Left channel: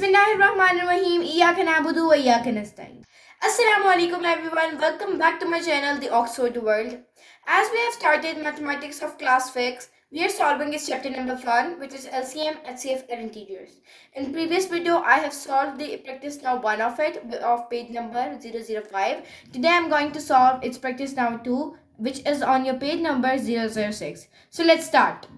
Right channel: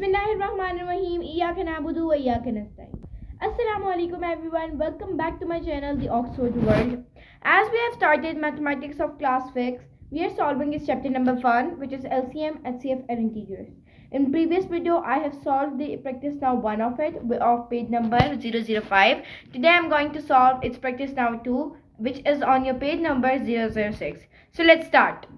Bismillahirrahmanirrahim. Iyyaka na'budu wa iyyaka nasta'in. Assalamu alaikum everyone. Welcome back to my channel, The Oxford World. As we have started mathematics of class 6, we are solving this chapter number 1, which is LCM, HCF and integers. In previous video, I have solved the practice now 1 of it, of page number 005. Today I am going to solve its practice now 2, which is on your page number 006. So let's start.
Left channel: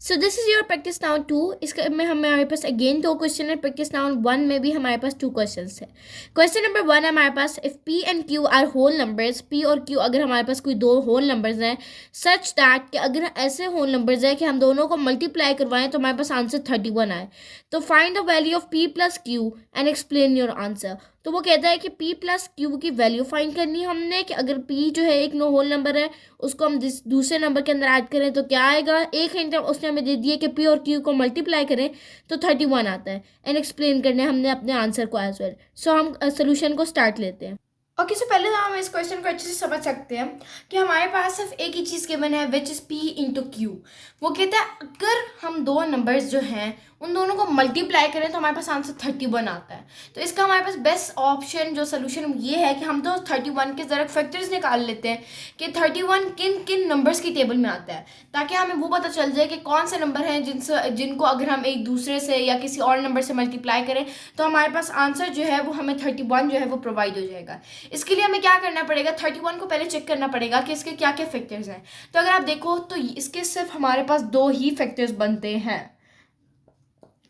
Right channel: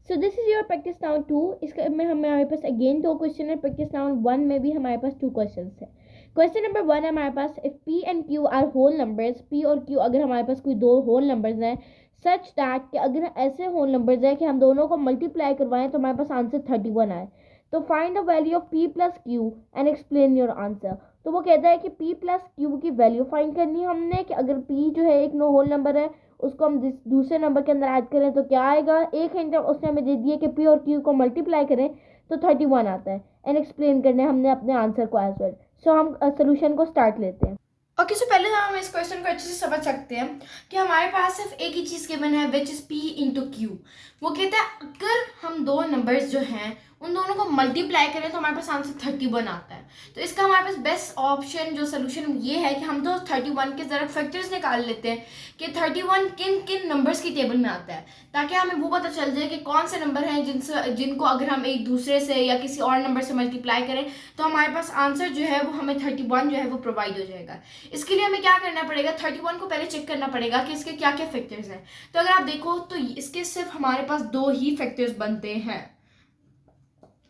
So this is your practice noun 2. इसका में हमारे पास again 2 question है. Practice noun 1 में भी हमारे पास 2 question है. क्वेश्चन नंबर 1 हमारे पास, if P and Q are whole numbers, P और क्यू अगर हमारे पास कोई दो होल नंबर्स हैं, सच दैट कि अगर ऐसे होल नंबर्स हैं कि हम दोनों को मल्टीप्लाई करवाएं तो हमारे पास आंसर 31 आए, तो find the value of P plus Q and explain your answer. तो वो कहता है कि p प्लस क्यू की वैल्यू फाइंड करनी है हमने, कि अगर p जो है एक नो होल नंबर है उसको हम दूसरे नंबर के अंदर ऐड करें तो क्या आएगा. एक हिंट उसने हमें दे दिया कि p और q को मल्टीप्लाई करें तो 31 आता है. एंड एक्सप्लेन करने हमने अपने आंसर को एज वेल. सो हम सोल्यूशन को स्टार्ट लेते हैं. ओके, सो पहले तो हम इस क्वेश्चन को अच्छे से समझ सकते हैं कि हमारे पास सिर्फ एक ही चीज़ गिवन है, which is p into Q. वो कहता है अगर हम दो नंबर्स जो हैं उन दोनों को मल्टीप्लाई करें तो हमारे पास आंसर 31 आता है. तो इसका हमारे पास बेस्ट ऑप्शन जो सोल्यूशन ये है कि हम तो 31 के ज़रा फैक्टर्स निकाल लेते हैं कि 31 किन किन नंबर्स की टेबल में आता है, ताकि हमें वो पता चल जाए कि कौन से नंबर हैं जिनको अगर हम एक दूसरे से या किसी और नंबर से मल्टीप्लाई करें तो हमारे पास आंसर जो है वो हमें 31 जो है वो प्रोवाइड हो जाएगा. इसके लिए हमें क्या करना पड़ेगा, 31 को पहले चेक करना पड़ेगा कि इसके क्या क्या फैक्टर्स हैं. तो अगर आप देखो तो इसके सिर्फ हमारे पास 2 ही फैक्टर्स बनते हैं,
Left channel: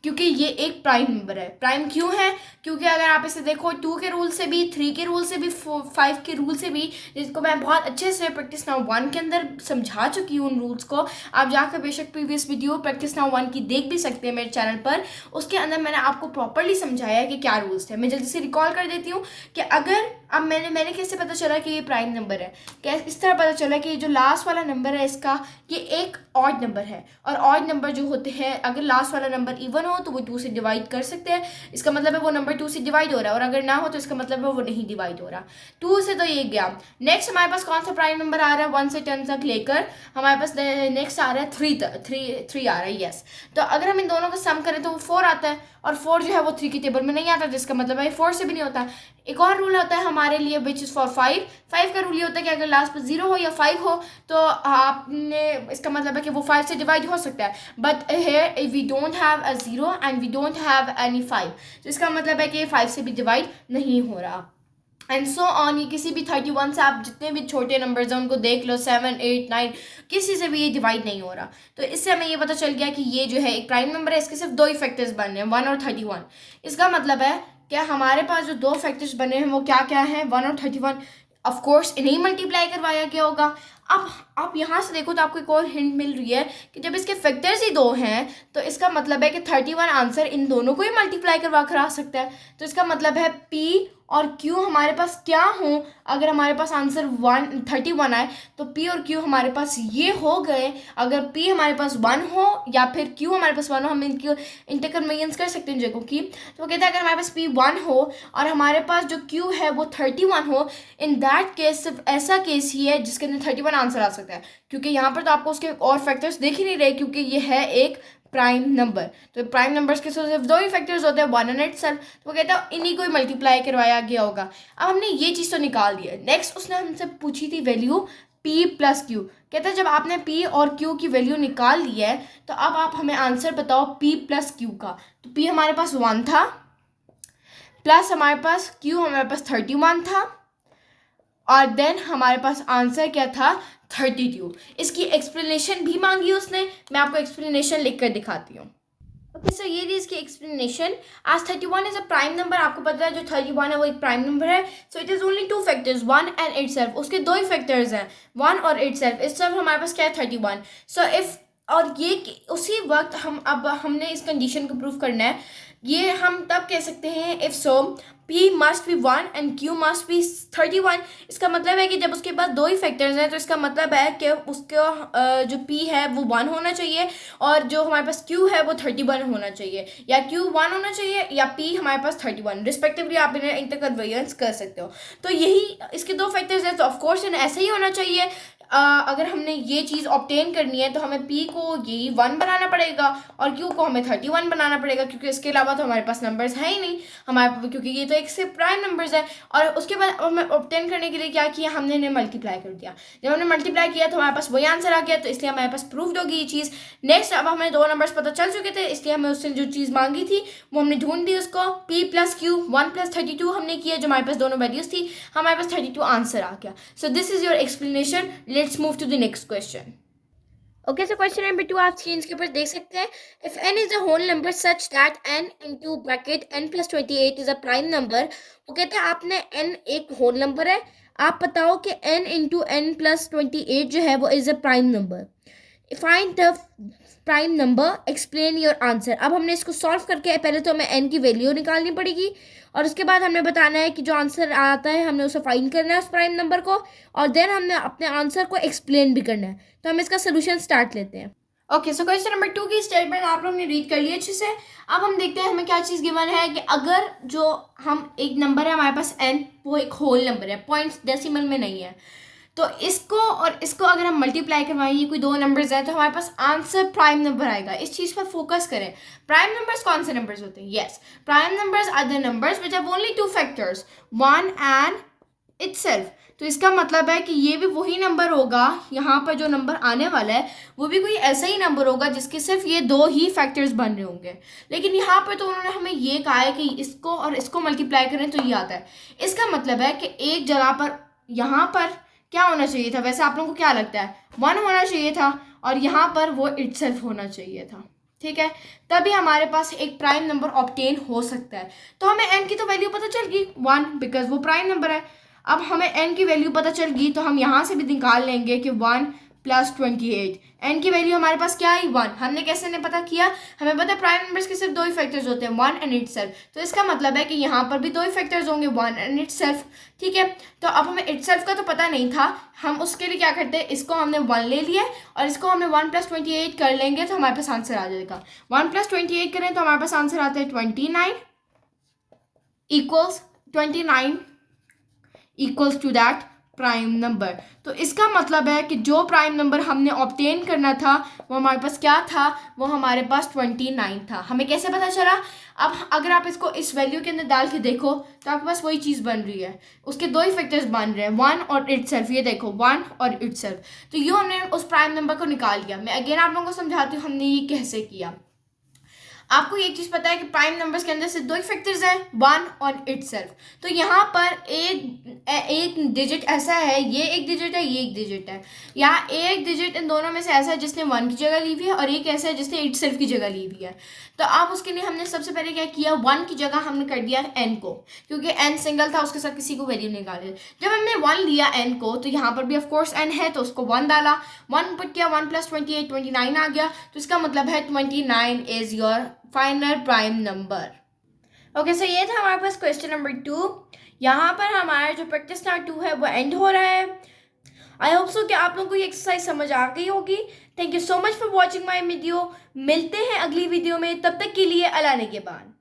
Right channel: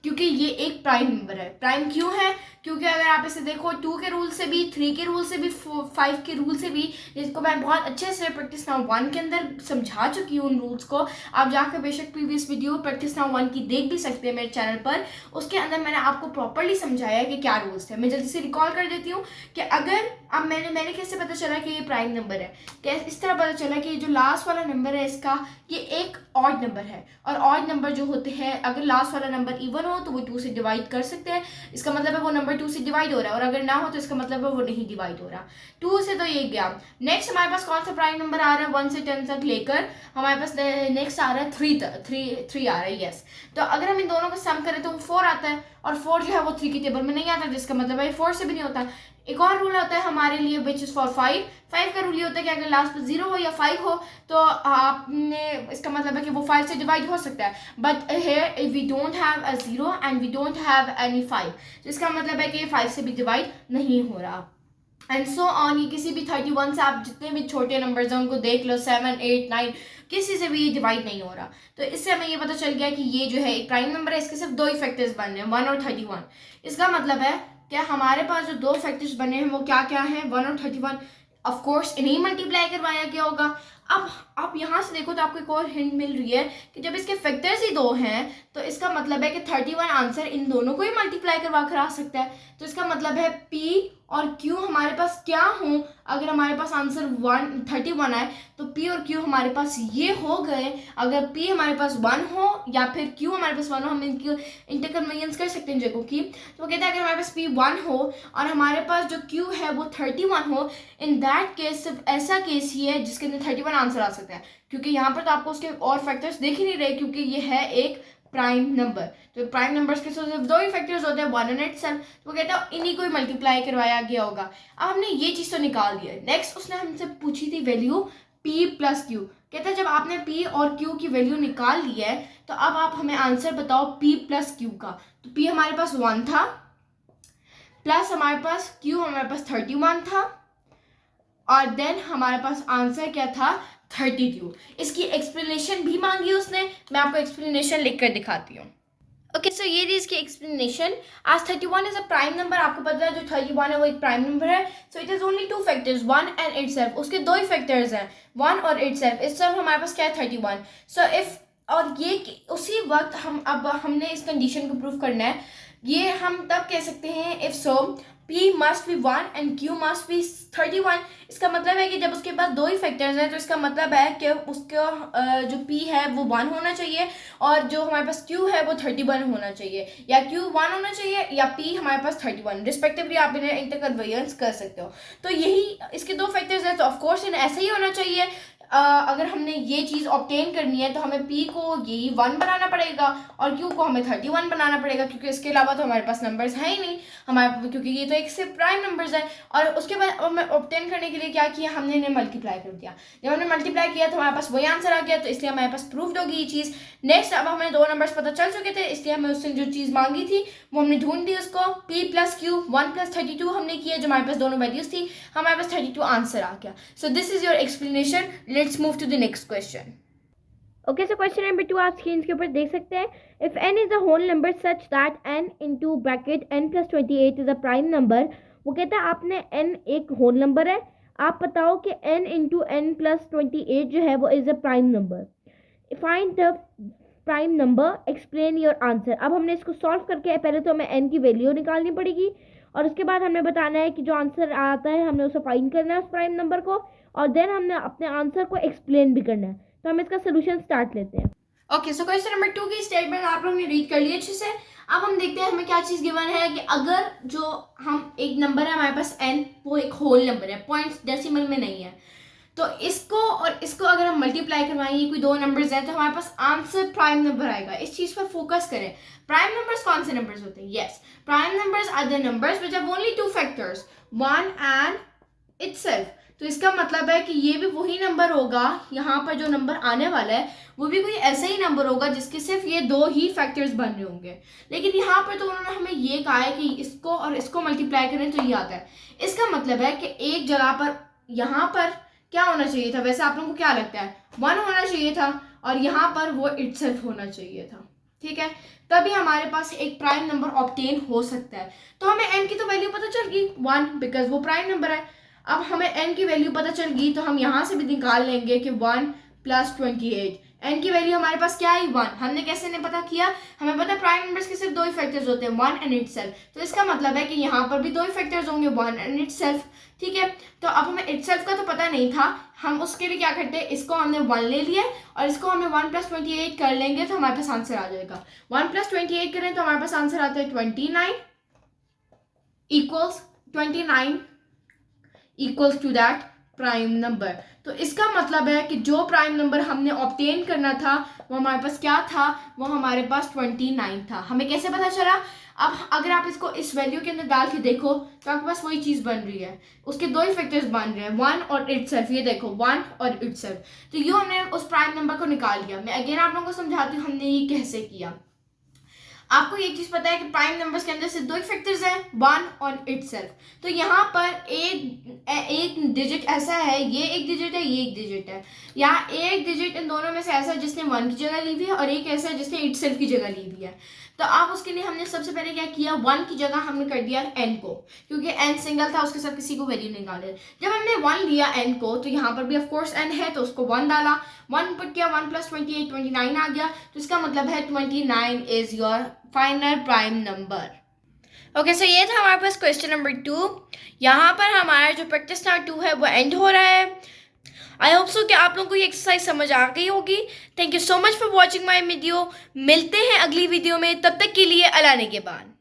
क्योंकि ये एक प्राइम नंबर है. प्राइम क्यों है? क्योंकि अगर आप इसे देखो 2 के रूल से भी, 3 के रूल से भी, 5 के रूल से भी, जिसको मैं बहुत अच्छे से प्रैक्टिस नाउ 1 के अंदर समझा चुकी हूँ उन रूल्स को. आप जाकर बेशक प्रीवियस वीडियो प्रैक्टिस नाउ 1 की देख भी सकते हैं मेरे चैनल पर. उसके अंदर मैंने आपको प्रॉपरली समझाया है कि क्या रूल्स थे. मैं जल्दी से रिकॉल कर देती हूँ कि अगर अब मैंने कैसे पता चला कि ये प्राइम नंबर है. कैसे इस तरह पता चला कि जो लास्ट वाला नंबर है इसका ये एक ऑड नंबर है, और ऑड नंबर जो होते हैं अगर लास्ट वाला नंबर इवन हो तो वो 2 से डिवाइड कर सकते हैं. इसका मतलब है वो नंबर 2 से डिवाइड हो रहा है, और अगर ना हो तो इसका मतलब है वो नहीं डिवाइड हो रहा. 2 से तो ये गया. नेक्स्ट हमारे पास कौन सा प्राइम नंबर आ रहा है 1 से 10 तक लेकर, हमारे पास नेक्स्ट आ रहा है 3 आ रहा है. यस, तो अगर हम इन दोनों का सम करें तो वो 4 आता है, और 4 जो है वो 3 की टेबल में नहीं आता, जिसका मतलब है 4 से भी नहीं होता. एक और रूल होता है हमारे लिए विच इज़ फॉर 5 का रूल ये होता है कि अगर लास्ट पर 0 हो या 5 हो तो आपने इसका मतलब है कि वो 5 से डिवाइड हो सकता है. But here we don't have a 0 and we don't have any 5, तो इसका मतलब है कि ये 5 से भी डिवाइड नहीं हो रहा. एंड सो ऑन, ये किसी भी 31 से आप जितने भी छोटे नंबर्स हैं उनको देख लो, 7, 8, 9, किसी से भी ये डिवाइड नहीं हो रहा. तो इससे हमें ये पता चल गया कि ये जो है एक प्राइम नंबर है, इसके सिर्फ 2 ही फैक्टर्स बन रहे हैं, 1 और 31. इसका मतलब है क्या हमारे पास जो 2 फैक्टर्स बने हैं वो क्या क्या हैं, 1 और 31. ऑफकोर्स इन्हीं मल्टीप्लाई करवाया गया होगा. अब आप यहाँ से देखो तो आपको एक और हिंट मिल रही है कि जब इसके फैक्टर्स ही 2 हैं तो इसका मतलब है कि 31 आंसर इन दोनों को ही मल्टीप्लाई करवा कर आ सकता है. तो इसका मतलब है P और Q हमारे पास क्या हो, अगर हमारे पास आंसर 31 आए तो P और Q हमारे पास ये हो गए. अगर P हमारे पास 1 हो या फिर Q हमारे पास 1 हो, हम इनकी इंटरकन्वीनियंस कर सकते हैं जगहों की. तो वो कहता है अगर हमारे पास P 1 हो और हमारे पास जो Q है वो 31 हो, इन दैट केस सिर्फ ऐसा केस ही है जिसके अंदर 31 आंसर आ सकता है, क्योंकि यहाँ पर तो आपको उसके और फैक्टर्स देख ही नहीं रहे, क्योंकि ये है एक प्राइम नंबर. तो प्राइम नंबर्स के सिर्फ 2 ही फैक्टर्स होते हैं, 1 एंड इटसेल्फ. तो वो कहता है इन्हीं को ही मल्टीप्लाई करवाया गया होगा. अब हमने ये चीज़ तो निकाल दी है. नेक्स्ट उसने हमसे पूछी थी वैल्यू P प्लस Q. कहता है जब आपने P और Q की वैल्यू निकाल ली है तो अब आप हमें आंसर बताओ P प्लस Q का. तो P हमारे पास 1 था, प्लस हमारे पास Q हमारे पास 31 था, और देन हमारे पास आंसर क्या था 32. इसकी एक्सप्लेनेशन भी मांगी उसने, मैं आपको एक्सप्लेनेशन लिख कर दिखाती हूँ. ओके, सो ये थी इसकी एक्सप्लेनेशन. आज 31 इज अ प्राइम नंबर. आपको पता है जो 31 है वो एक प्राइम नंबर है. So it is only 2 factors, 1 and itself. उसके 2 ही फैक्टर्स हैं, 1 और इटसेल्फ. इटसेल्फ हमारे पास क्या है 31. सो इफ, और ये उसी वक्त हमने इस कंडीशन को प्रूव करना है. ये हम तब कह सकते हैं if so P must be 1 and Q must be 31. इसका मतलब है कि जब उसके पास 2 ही फैक्टर्स हैं तो इसका मतलब है कि उसका जो P है वो 1 होना चाहिए, और जो हमारे पास Q है वो 31 होना चाहिए, या Q 1 होना चाहिए या P हमारे पास 31. रिस्पेक्टिवली आप इन्हें इंटरकन्वेंस कर सकते हो. तो यही इसके 2 फैक्टर्स हैं, तो ऑफकोर्स इन्हें ऐसे ही होना चाहिए. अगर हमने ये चीज़ ऑब्टेन करनी है तो हमें P को यही 1 बनाना पड़ेगा और Q को हमें 31 बनाना पड़ेगा, क्योंकि इसके अलावा तो हमारे पास नंबर्स है ही नहीं हमारे, क्योंकि ये तो एक से प्राइम नंबर्स है। और उसके बाद हमें ऑब्टेन करने के लिए क्या किया, हमने इन्हें मल्टीप्लाई कर दिया। जब हमने मल्टीप्लाई किया तो हमारे पास वही आंसर आ गया, तो इसलिए हमारे पास प्रूव्ड होगी ये चीज़। नेक्स्ट, अब हमें दो नंबर्स पता चल चुके थे, इसलिए हमें उससे जो चीज़ मांगी थी वो हमने ढूंढ दी। उसको P + Q 1 + 32 हमने किया, जो हमारे पास दोनों वैल्यूज थी, हमारे पास 32 आंसर आ गया। So this is your explanation. Let's move to the next question. Okay, so question number 2 आप स्क्रीन के ऊपर देख सकते हैं। If n is a whole number such that n into bracket n + 28 is a prime number. वो कहता है आपने n एक होल नंबर है, आप बताओ कि n इंटू n + 28 जो है वो is a prime number. Find the prime number, explain your answer. अब हमने इसको सॉल्व करके पहले तो हमें n की वैल्यू निकालनी पड़ेगी और उसके बाद हमें बताना है कि जो आंसर आता है हमने उसे फाइंड करना है उस प्राइम नंबर को, और देन हमने अपने आंसर को एक्सप्लेन भी करना है। तो हम इसका सोल्यूशन स्टार्ट लेते हैं। ओके, सो क्वेश्चन नंबर 2 की स्टेटमेंट आप लोगों ने रीड कर लिया अच्छे से। अब हम देखते हैं हमें क्या चीज़ गिवन है कि अगर जो हम एक नंबर है हमारे पास n, वो एक होल नंबर है, पॉइंट्स डेसिमल में नहीं है, तो इसको और इसको अगर हम मल्टीप्लाई करवाएं, कोई दो नंबर्स हैं, तो हमारे पास आंसर प्राइम नंबर आएगा। इस चीज़ पर फोकस करें। प्राइम नंबर्स कौन से नंबर्स होते हैं? Yes, prime numbers are the numbers which have only two factors, 1 and itself. तो इसका मतलब है कि ये भी वही नंबर होगा, यहाँ पर जो नंबर आने वाला है वो भी कोई ऐसा ही नंबर होगा जिसके सिर्फ ये दो ही फैक्टर्स बन रहे होंगे। लेकिन यहाँ पर तो उन्होंने हमें ये कहा है कि इसको और इसको मल्टीप्लाई करें तो ये आता है। इसका मतलब है कि एक जगह पर यहाँ पर क्या होना चाहिए था, वैसे आप लोगों को क्या लगता है? 1 होना चाहिए था और यहाँ पर वो इटसेल्फ होना चाहिए था। ठीक है, तभी हमारे पास एक प्राइम नंबर ऑब्टेन हो सकता है। तो हमें n की तो वैल्यू पता चल गई 1, बिकॉज वो प्राइम नंबर है। अब हमें n की वैल्यू पता चल गई तो हम यहाँ से भी निकाल लेंगे कि 1 + 28। n की वैल्यू हमारे पास क्या आई? 1। हमने कैसे ने पता किया? हमें पता है प्राइम नंबर्स के सिर्फ दो ही फैक्टर्स होते हैं, 1 एंड इटसेल्फ। तो इसका मतलब है कि यहाँ पर भी दो ही फैक्टर्स होंगे, 1 एंड इटसेल्फ। ठीक है, तो अब हमें इटसेल्फ का तो पता नहीं था, हम उसके लिए क्या करते हैं, इसको हमने 1 ले लिया और इसको हमें 1 + 28 कर लेंगे तो हमारे पास आंसर आ जाएगा। 1 + 28 करें तो हमारे पास आंसर आता है 29 equals to that prime number. तो इसका मतलब है कि जो प्राइम नंबर हमने ऑब्टेन करना था वो हमारे पास क्या था? वो हमारे पास 29 था। हमें कैसे पता चला? अब अगर आप इसको इस वैल्यू के अंदर डाल के देखो तो आपके पास वही चीज़ बन रही है, उसके दो ही फैक्टर्स बन रहे हैं, 1 और इटसेल्फ। ये देखो 1 और इटसेल्फ, तो ये हमने उस प्राइम नंबर को निकाल लिया। मैं अगेन आप लोगों को समझाती हूँ हमने ये कैसे किया। आपको ये चीज़ पता है कि प्राइम नंबर्स के अंदर सिर्फ दो ही फैक्टर्स हैं, 1 और इटसेल्फ। तो यहाँ पर एक डिजिट ऐसा है, ये एक डिजिट है, ये एक डिजिट है। यहाँ एक डिजिट इन दोनों में से ऐसा है जिसने 1 की जगह ली हुई है और एक ऐसा है जिसने इटसेल्फ की जगह ली हुई है। तो अब उसके लिए हमने सबसे पहले क्या किया, 1 की जगह हमने कर दिया n को, क्योंकि n सिंगल था, उसके साथ किसी को वैल्यू निकाले। जब हमने 1 लिया n को तो यहाँ पर भी ऑफ कोर्स n है, तो उसको 1 डाला, 1 पुट किया, 1 + 28 29 आ गया। तो इसका मतलब है 29 is your final prime number. Okay, so ये था हमारे पास क्वेश्चन नंबर 2। यहाँ पर हमारा जो प्रैक्टिस नंबर 2 है वो एंड हो रहा है। आई होप सो कि आप लोगों को ये एक्सरसाइज समझ आ गई होगी। Thank you so much for watching my video. मिलते हैं अगली वीडियो में, तब तक के लिए अल्लाह ने के बाद।